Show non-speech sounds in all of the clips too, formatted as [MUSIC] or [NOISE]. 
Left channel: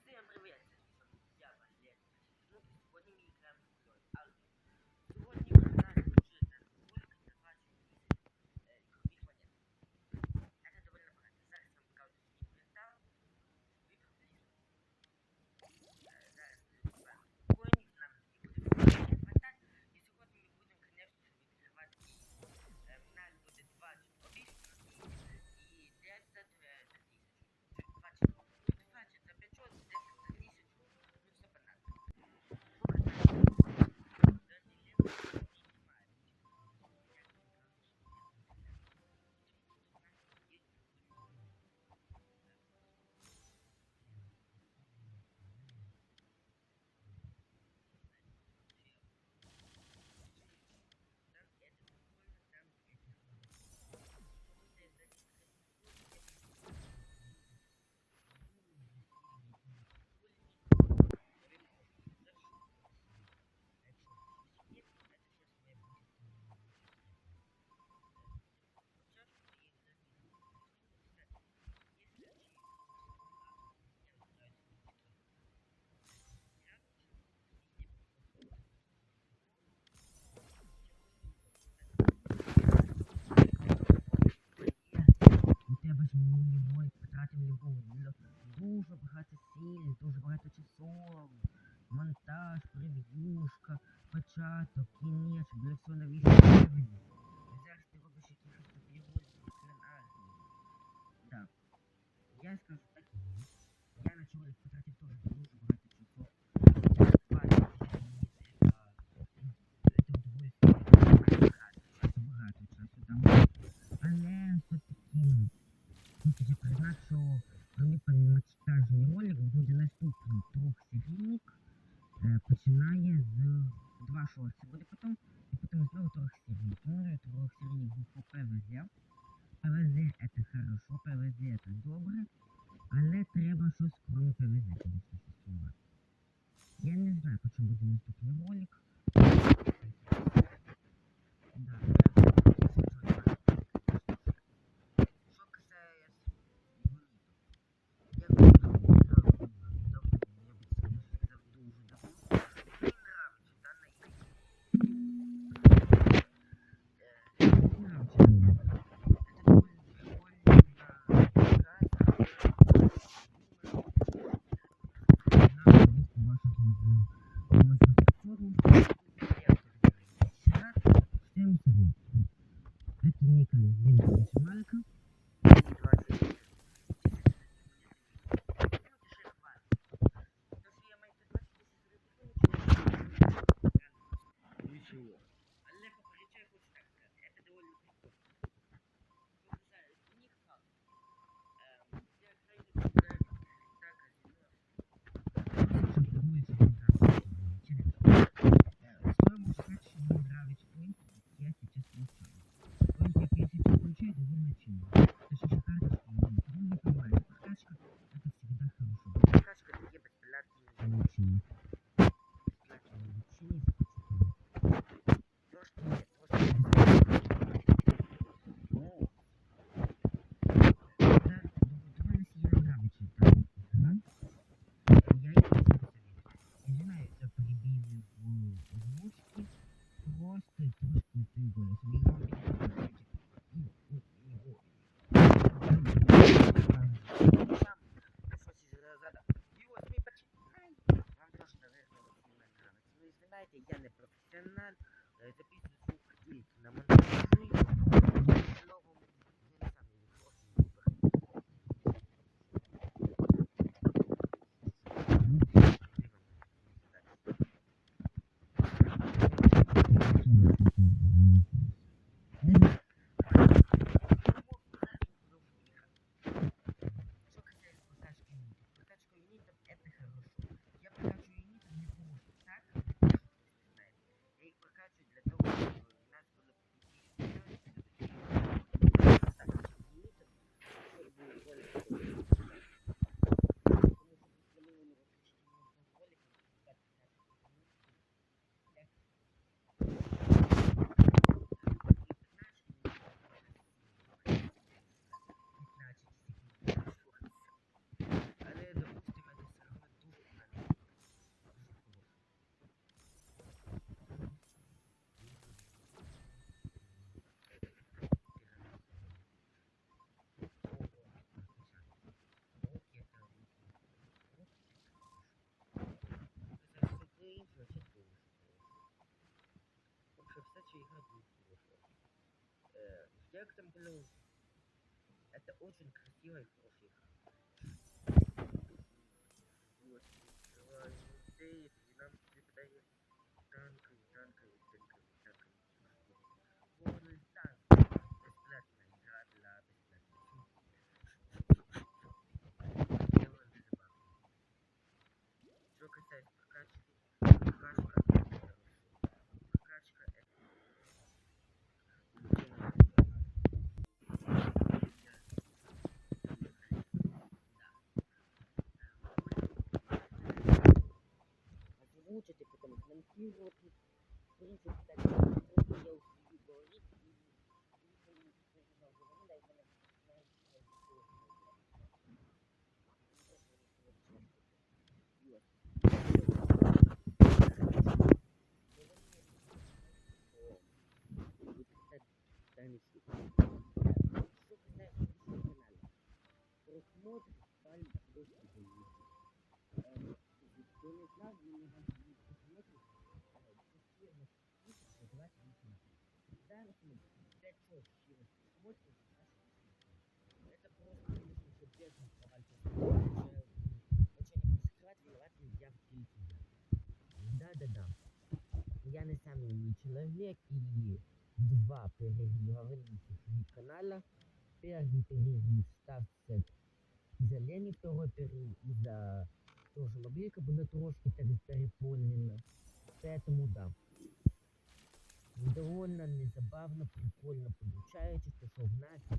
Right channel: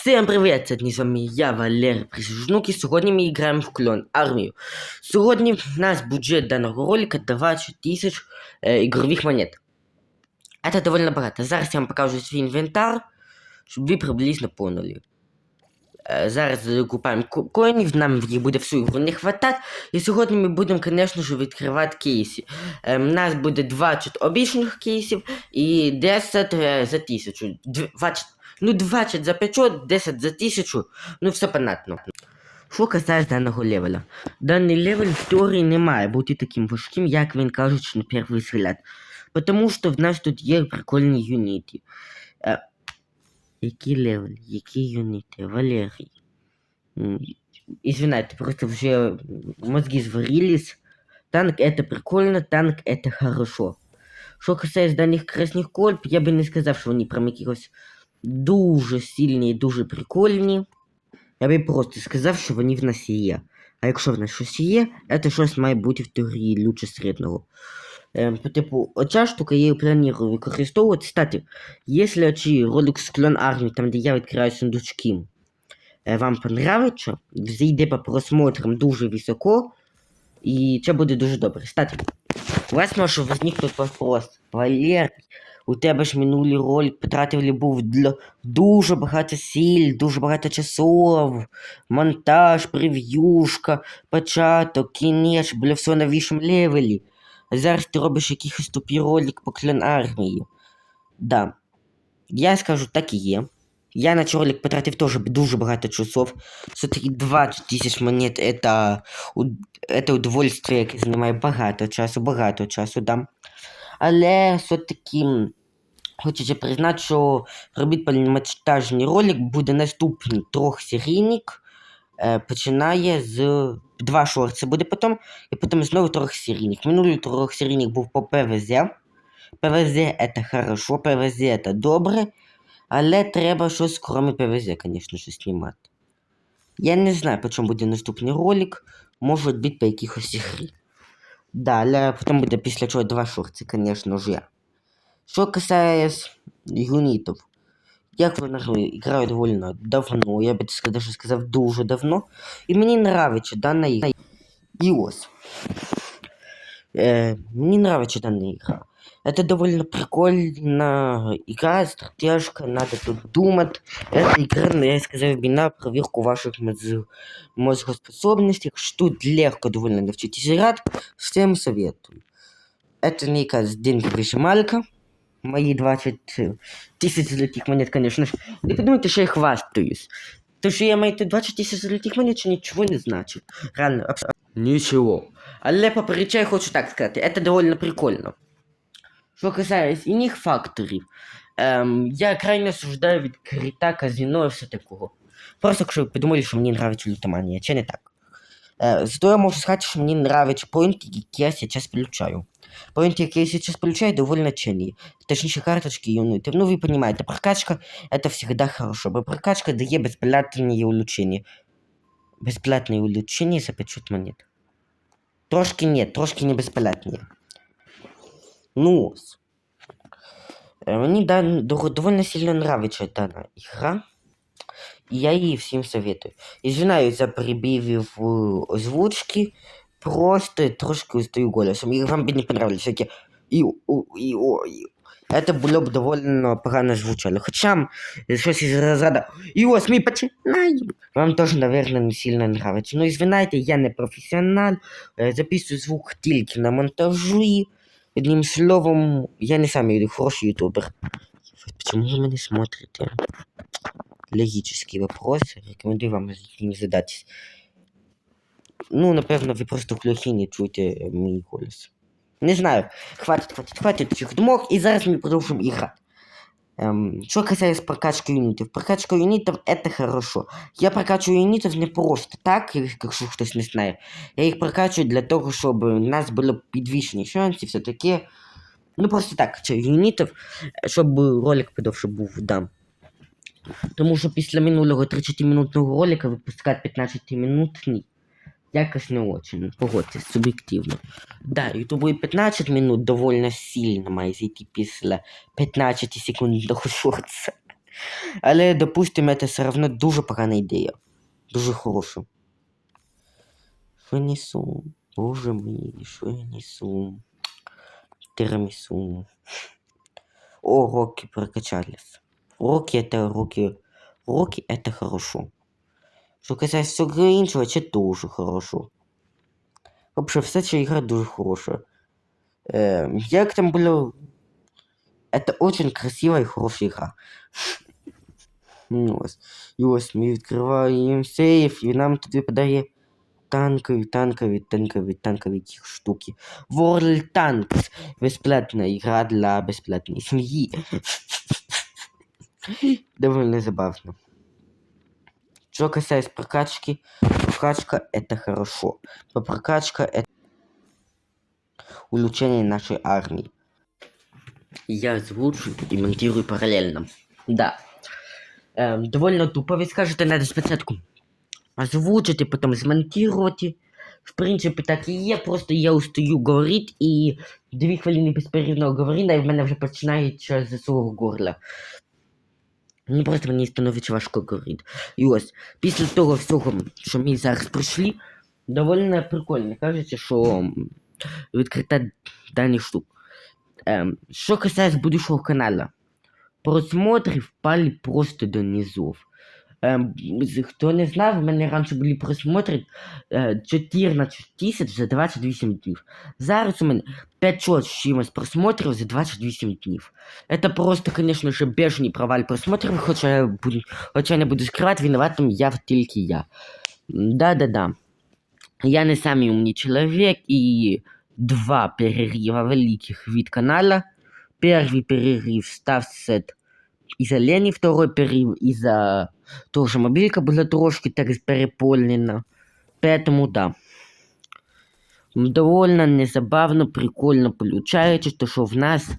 Всем привіт! Це з вами я, Валерій Присяжнук, і сьогодні ми граємо в клон армію. Сьогодні в нас бюджет даного ролика 20 тисяч е, ігрових монет. Це доволі багато. Зараз я вам покажу свій інвентар, щоб ви приблизно поняли. Е, зараз купаємо ко- коїнів, нам їх буде всю не хватати. І сьогодні ми будемо, звісно ж, відкривати кейси. У нас буде 20 обічних кейсів і 10 е, за 1000. 20 Ну, 20 за 500, 10 за 1000, ну все понятно. Що касається даного левеля. Даний левель в теорії не має бути таким важким, як він кажуть на перший взгляд. Потому що в нас тут є прикольні юніти. Е, який левель? Які юніти? Валерій. Извиняйте, просто вже мозги зварились. Танк это прикольно, танк это хорошо. Що касається даних красних кольб, я би не сказав, що вони прям якихось дуже сильні і дуже прикольні. Я би просто сказав, що вони в нас є. А якщо в нас щось є, це щось має бути в теорії лучше середнього. Ем, по типу, оця штука я її планую використовувати. Кстати, якщо оці ролик з клон армії, там де я відкриваю сундучки, е, вам понравиться, зайде по просмотрам дуже високо, і це буде дуже добре. Кстати, у вас може возникнути вопрос. Валер, у тебе ж минулий ролик потратили був для дуже багато сіль, дуже багато часов, монтаж, прев'юшка, початок, кінець, бля, все на вищому левелі. А зараз ти робиш якийсь тупий ролик по клен армії. Да. Я скажу, так і є. Я на цей ролик потратив теж дуже багато часов. Все-таки 20 тисяч монет это, это удовольствие, яке займає багато часу, багато часу, да. Але все-таки хочеться признати, що робити повномасштабний ролик буде наступний трьохсерійник. Починає з два шорти буде потім, і потім знову трьохсерійник. Минулий трьохсерійник був по ПВЗ. ПВЗ це хорошо, ПВЗ це добре, але треба щось кроме ПВЗ, звісно, ж, знімати. Я не знаю, по чому буде наступний ролик. Може бути по якихось ігрі. Да, але потім буде після чого два шорти, звісно ж. Що касається юнітів. Я вони граю доволі давно, я би сказав, що сказав дуже давно. І мені нравиться дана ігра. І ось. Е, мені нравится данная игра. Это довольно прикольная игра, стратежка, надо тут думать. Это игра, ну, я сказал, на проверку ваших мозг... мозгоспособностей. что Тут легко довольно навчитесь играть. Всем советую. Это не якась деньги вишималька. Мої 20 тисяч золотих монет, конечно ж. Не подумайте, що я хвастаюсь. То, що я маю тут 20 тисяч золотих монет, що нічого не значить. Реально, абс- Нічого. Але поперечаю хочу так сказати, це доволі прикольно. Що касається інших факторів, ем, я крайне осуждаю відкриття казино і все такого. Просто якщо ви подумали, що мені нравиться лутоманія, чи не так. Е, зато я можу сказати, що мені нравиться поінти, які я зараз получаю. Поінти, які я зараз получаю, доволі цінні. Точніше, карточки юнитів. Ну, ви розумієте, прокачка это всегда хорошо, бо прокачка дає безплатні улучшення. Безплатне улучшення за 500 монет. Трошки нет, трошки не безплатно. Ну, ось. Е, Мені да, дов- довольно сильно нравится дана игра. І я її всім советую. Извиняюсь за перебивів озвучки. Просто трошки устаю голосом. І вам би не понравились і у і о і. Это було б довольно погано звучало. Хоча щось із розряду І ось ми починаємо. Вам теж, наверное, не сильно нравится. Ну, извиняйте, я не професіонал. Е, Записую звук тільки на монтажі. Одним словом, я не самий хороший ютубер. Почему вы меня смотрите? Логический вопрос. Рекомендую вам з ним задатись. Ну, напевно, ви просто глухі не чуєте мій голос. Не знаю. Хватить, хватить, хватить цих думок. І зараз ми продовжимо іграти. Эм, что касается прокачки юнитов. Прокачка юнитов это хорошо. Я прокачиваю юнитов не просто так, якщо хтось не знає. Я їх прокачую для того, щоб у нас було підвищені шанси, все таке. Ну просто так, це юнітів, щоб ролик подовше був, да. Тому що після минулого 30-минутного ролика випускати 15-минутний якось не очень, погодьтесь, суб'єктивно. Да, і 15 минут довольно сильно має зайти після 15 секундного шорца. Але, допустимо, це все одно дуже погана ідея. Дуже хороша. Що несу? Боже мій, що я несу? Тирамісу. О, уроки прокачались. Уроки это уроки. Уроки это хорошо. Що касається всього іншого, це дуже хорошо. Вообще, вся ця ігра дуже хороша. Е, як там було. Это очень красивая и хорошая игра. Ну, ось. І ось ми відкриваємо сейф, і нам тут випадає танкові, танкові, танкові, танкові ті штуки. World Tanks. Бесплатна ігра для безплатної сім'ї. [LAUGHS] Довольно забавно. Что касается прокачки, прокачка это хорошо. По прокачка это улучшение нашей армии. Я озвучу и монтирую параллельно. Да. Эм, довольно тупо, ви скажете, надо спочатку озвучити, потім змонтувати. В принципі, так і є, просто я устаю говорити і дві хвилини безперервного говоріння, і в мене вже починається з свого горла. Мені просто мені становиться важко говорити. І ось, після того всього, що ми зараз пройшли, доволі прикольно. Кажеться, що відкрита дані штук. Ем, що касається будущого каналу. просмотрів впали просто до низов. Ем, з- хто не знав, в мене раніше були просмотри е, 14 тисяч за 28 днів. Зараз у мене 500 з чимось просмотрів за 28 днів. Это просто, конечно же, бешений провал просмотрів, хоча я, буду, хоча я не буду скривати, виноватим я тільки я. Да-да-да. Я не самый умный человек, и два перерыва великих від канала. Первый перерыв стався из-за лени, второй перерыв из-за того, что мобилька была трошки так переполнена. Поэтому да. Довольно незабавно, прикольно получается, то, що в нас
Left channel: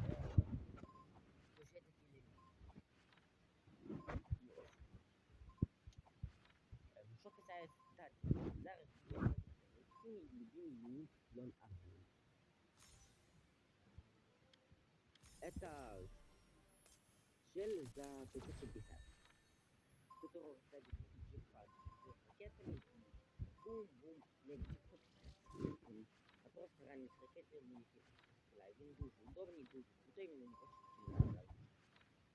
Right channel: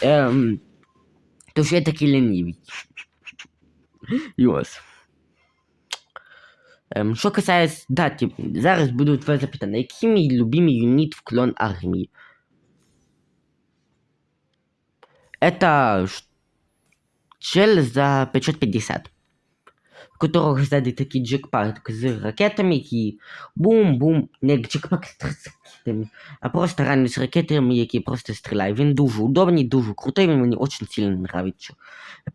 Ем, то що я такий лінивий. І ось. Ем, що касається дати, зараз буду твоє запитання. Який мій любимий юніт в клон армії? Это ш- чел за 550. У которого сзади такий джекпак з ракетами, які бум-бум, не джекпак з ракетами, а просто реально з ракетами, які просто стріляють. Він дуже удобний, дуже крутий, він мені очень сильно нравится.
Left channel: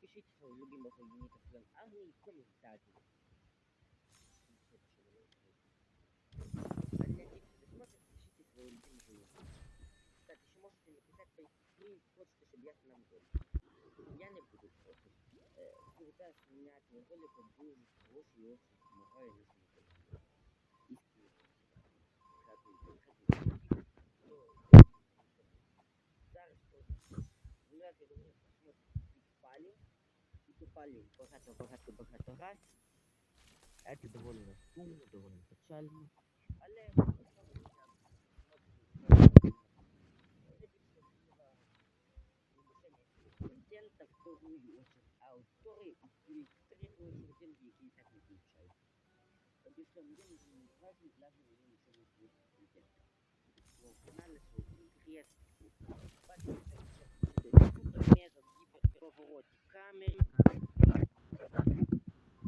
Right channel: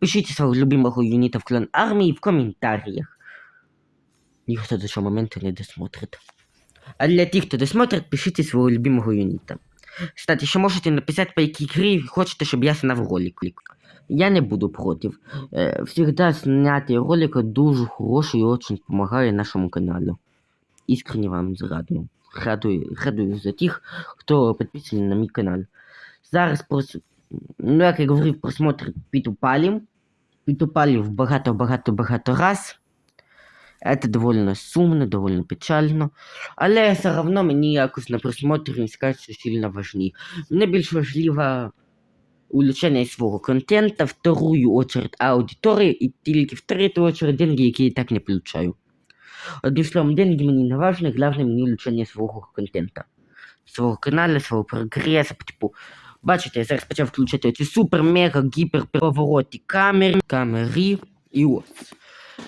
Пишіть свого любимого юніта в клан армії в коментарях. Ніхто до цього моменту не досмотрит. А для тих, хто досмотрит, пишіть свого любимого юніта. Кстати, ще можете написати, по якій грі хочете, щоб я сняв ролик. Я не буду против. Э, всегда снятие ролика дуже хороший и очень помогает нашему каналу. Искренне вам радую. Радую, радую за тих, хто підписаний на мій канал. Зараз прос... ну, як я говорив, просмотр підупали. Підупали в багато-багато-багато раз. Это довольно сумно, довольно печально. Але все одно мені якось на просмотр не скажуть, що сильно важні. Мені більш важливо улучшение свого контента, вторую очередь аудиторії і тільки в третю очередь деньги, які я так не получаю. Одним словом, деньги мені не важны, главное мені улучшення свого контента. Свого каналу, свого прогресу, типу. Бачите, я зараз почав включати оці супер, мега, гіпер повороті камери, камери і ось.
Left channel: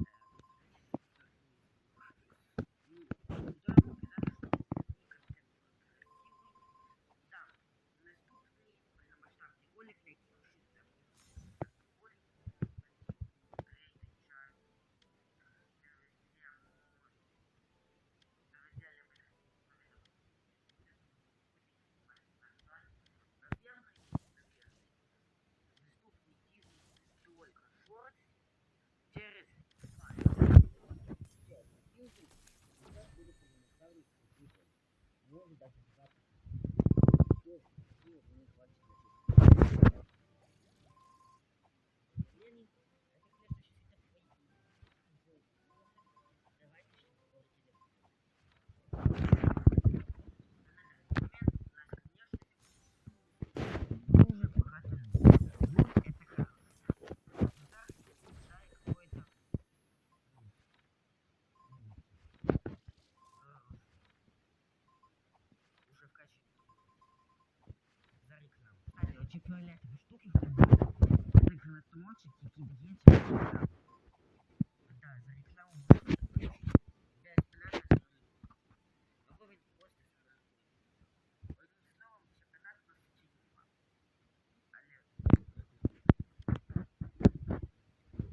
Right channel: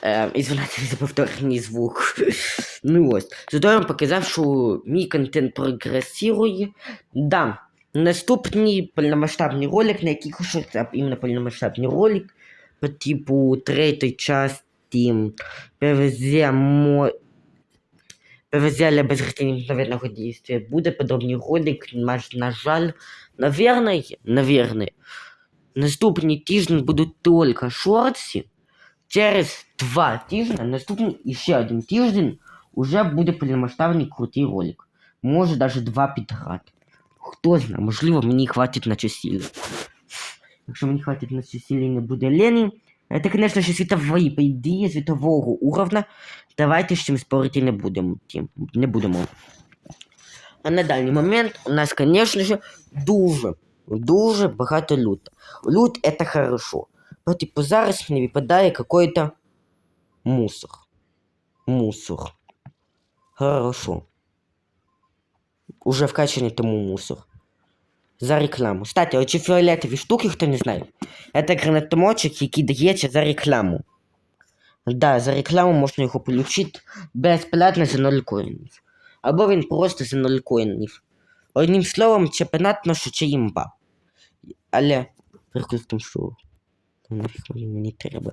Е, Ізвинайте за повторний звук. [LAUGHS] ну ось. Зато я вам показав, що мій контент прогресує. Да, Наступний повномасштабний ролик, на який хочеться іменно повномасштабний ролик по типу третьої частини ПВЗ мо... ПВЗ для безграничного. Буде подобний ролик, на, жаль, наверное, наверное, наступний тиждень будуть тільки шорти. Через два тижні, наступний ще один тиждень, уже буде повномасштабний крутий ролик. Може даже два підряд. Хто знає, можливо, мені хватить на часів. Якщо мені хватить на часів і не буде лені, це, звісно ж, світові події світового уровня. Давайте з чим спорити не будемо. Тім, не будемо. А на даний момент у нас, звісно ж, дуже, дуже багато лут. Лут це хорошо. Ну, типу, зараз мені випадає какой-то мусор. Мусор. Хорошо. Уже вкачаний тому мусор. За рекламу. Кстати, оці фіолетові штуки, хто не знає. Це гранатомочок, який дається за рекламу. Да, за рекламу можна його отримати безплатно за 0 коїнів. Або він просто за 0 коїнів. Одним словом, що це імба. Але прикрутим, що нафіг мені треба.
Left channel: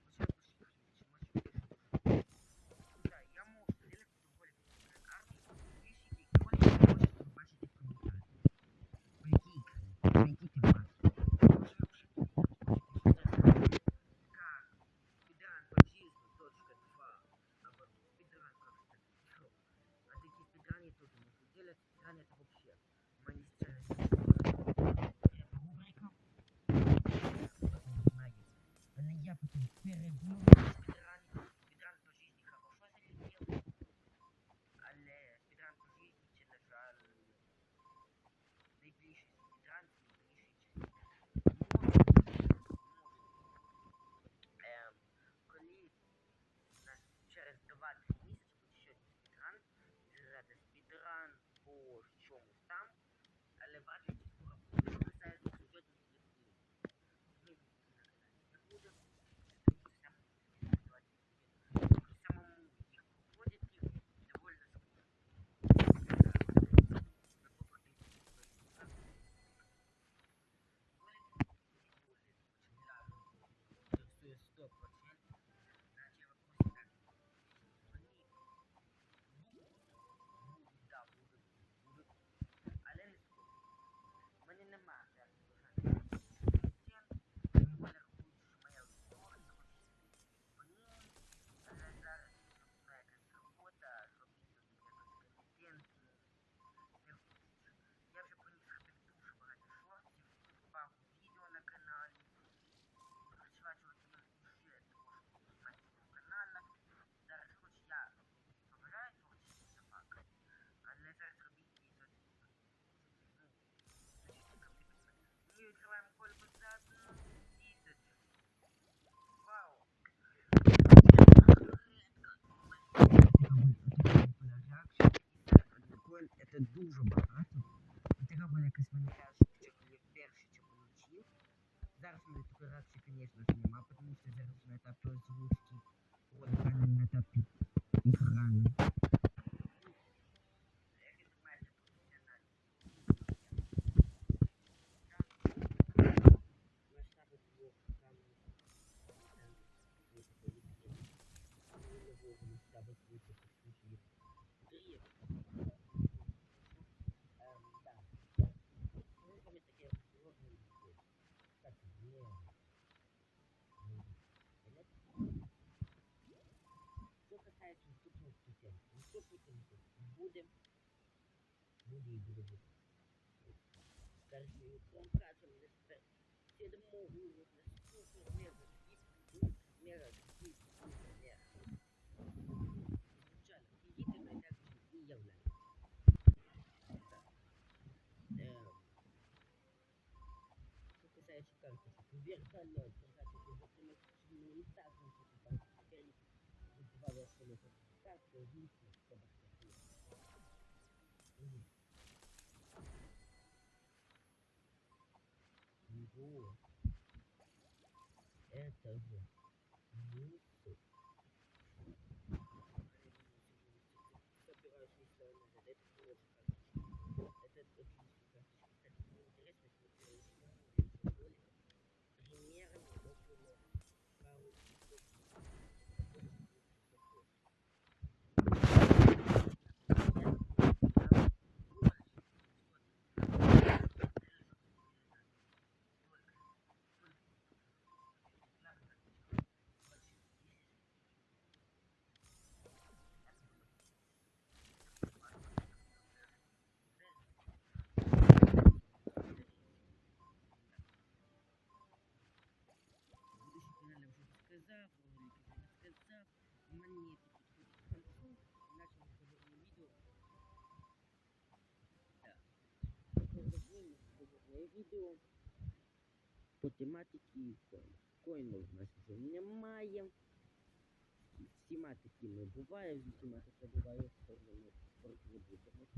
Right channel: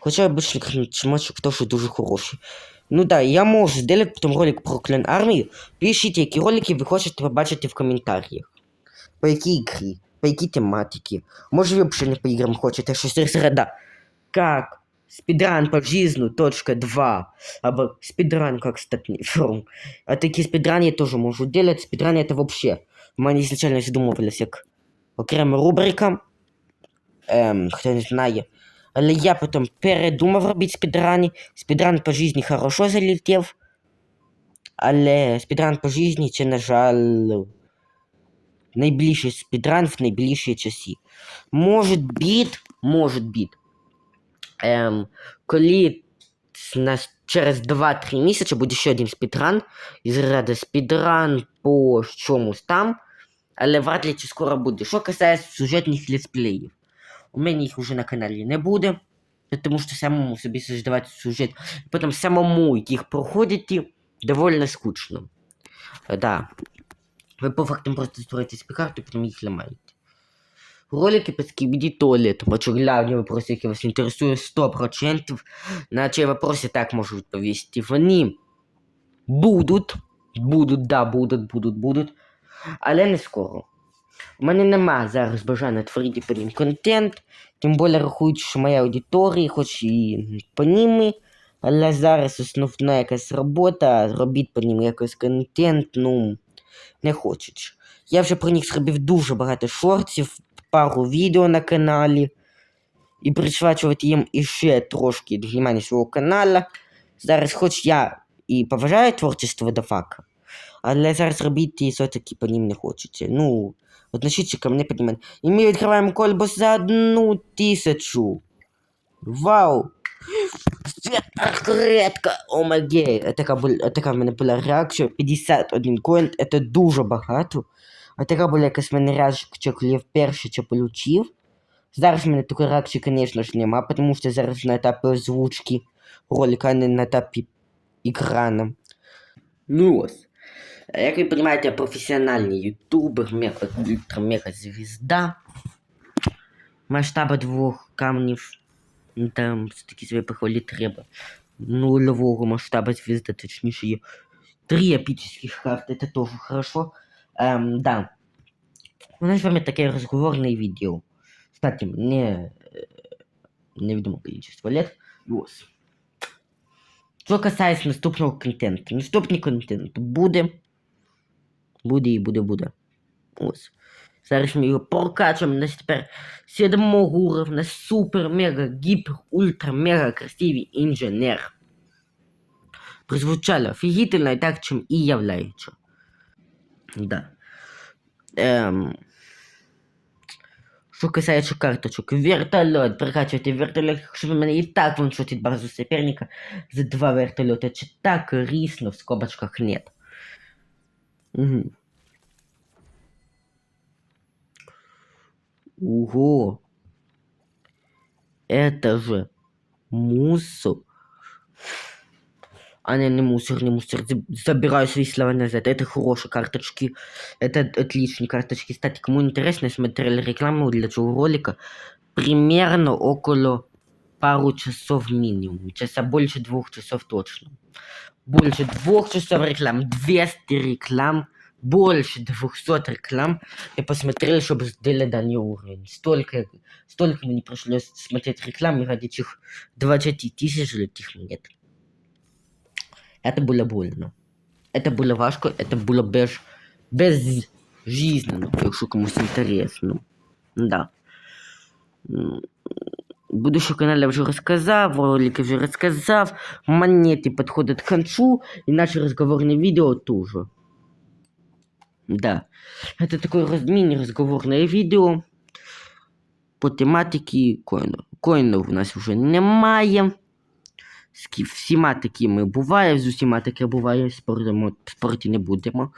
Хоча обычно гранатомочок теж дуже хороший. Ну да, я можу зробити потім ролик про клан армію. Пишіть, які ролики ви хочете побачити в коментарях. По якій ігрі, по якій тематиці. Може ви взагалі не по іграм хочете щось середа. Как спидран по жизни, точка 2. Або спидран как стать фром. А такі спидрани я теж можу делать. Спидрани это вообще. Мене изначально задумувалось як окрема рубрика. Ем, хто не знає. Але я потім передумав робити спідрани. Спідран по житті хорошо залетів. Але спідран по житті це, на жаль, найближчий спідран в найближчі часи. Може біт, може біт. Ем, коли нас через 2-3 місяці буде ще один спідран. Із ряду спідран по чомусь там. Але вряд ли чи скоро буде. Що касається сюжетних летсплеїв. У мене їх уже на каналі не буде. Тому що самому собі создавати сюжет, потім самому їх проходити довольно скучно. Да. Ви по факту просто створюєте спікарти, потім їх ламаєте. Ролики по скибиди туалетом. А что главный вопрос, вас інтересує 100%. На цей вопрос я так можу відповісти. Вони будуть, будуть, да, будуть, будуть, будуть, але не скоро. У мене нема зараз бажання творити по ним контент, тим більше рахують, що моя аудиторія, хоч і по ними, але зараз основна якась робота, робити по ним якийсь контент, ну, не хочуть. Я вже про них зробив дуже багато шортів, пару відео на каналі. І присвячувати їм іще трошки до свого каналу. Зараз хоч я і поважаю творчість Водофака, але зараз робити все-таки по ним не хочеться. Ну, относіться ко мне понимать. И мы открываем кольбу за одну тысячу. Вау! Редко, омагей. Така, бу- така в мене була реакція. 51 коін, це дуже багато. А така була якась в мене реакція, коли я вперше це получив. Зараз в мене такої реакції, звісно ж, нема, тому що зараз на етапі озвучки ролика, а не на етапі екрану. Ну ось. Як ви розумієте, я професіональний ютубер, мега, ультра мега звізда. Масштаба двох камнів. ну, Там все-таки себе похвалити треба. Нулевого масштаба звезды, точнее, є три эпических карты, это тоже хорошо. Эм, да. У нас с вами такое разговорное видео. Кстати, мне э, неведомо количество лет. Вот. Що касається наступного контенту. Наступний контент буде. Буде і буде, буде. Ось. Зараз ми його прокачуємо на тепер сьомого уровня супер, мега, гіпер, ультра, мега красивий інженер. Прозвучало офігітельно і так, чим і являється. Да. Ем. Що касається карточок, вертольот, прокачувати вертольот, якщо ви мене і так ваншотить базу соперника за два вертольота, чи так рісно в скобочках нет. Угу. Ого. Это же мусор. А не, не мусор, не мусор. Заб- Забираю свои слова назад. Это хорошие карточки. Это отличные карточки. Кстати, кому интересно, я смотрел рекламу для этого ролика. Примерно около пару часов минимум. Часа больше двух часов точно. Больше двух часов реклам. 200 реклам. Больше 200 реклам. Я посмотрел, чтобы сделать данный уровень. Столько, столько мне пришлось смотреть рекламы ради этих 20 тысяч золотых монет. Это было больно. Это было важко, это было без, безжизненно, якщо комусь інтересно. Да. Будущий канал я вже розказав, ролики вже розказав, монети підходять к концу, і наші розговорні відео тоже. Да. Это такое раз- мини-разговорное видео по тематике коїнів. Коїнів у нас вже немає. З всіма такими буває, з усіма таке буває, споримо, спорити не будемо.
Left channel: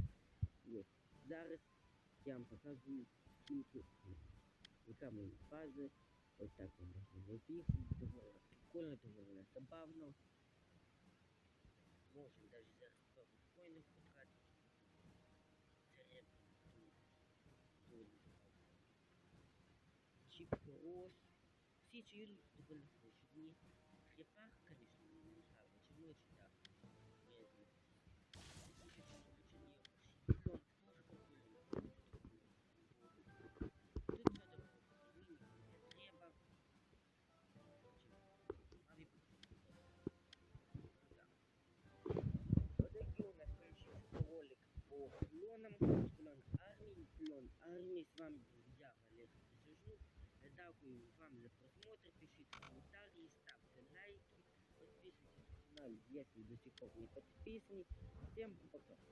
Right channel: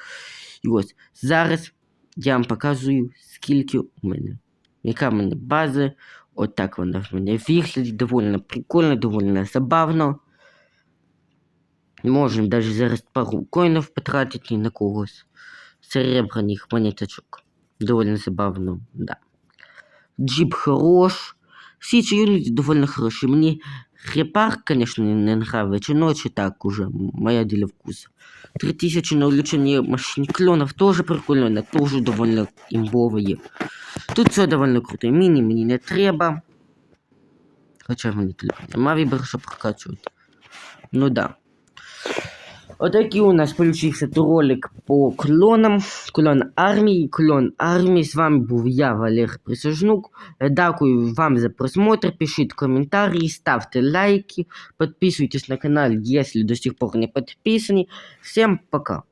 І ось зараз я вам показую, скільки у мене. Яка в мене база От так вона в мене виглядить, довольно прикольно, довольно забавно. Можемо даже зараз пару коїнів потратити на когось. Серебряних монеточок. Довольно забавно, да. Джип хорош. Всі ці юніти довольно хороші. Мені Репарк, конечно, не, нравится, но это так уже, моя дело вкуса. 3000 на улучшение машин клонов тоже прикольно, тоже довольно имбовые. Тут все довольно круто. Мини мені не треба. Хоча мені телефон нема вибору, прокачувати. Ну да. Отакий у нас включився ролик по клонам. Клон армії. Клон армії. З вами був я, Валер Присяжнук. Дякую вам за просмотр. Пишіть коментарі, ставте лайки, подписывайтесь на канал, если до сих пор не подписаны. Всем пока.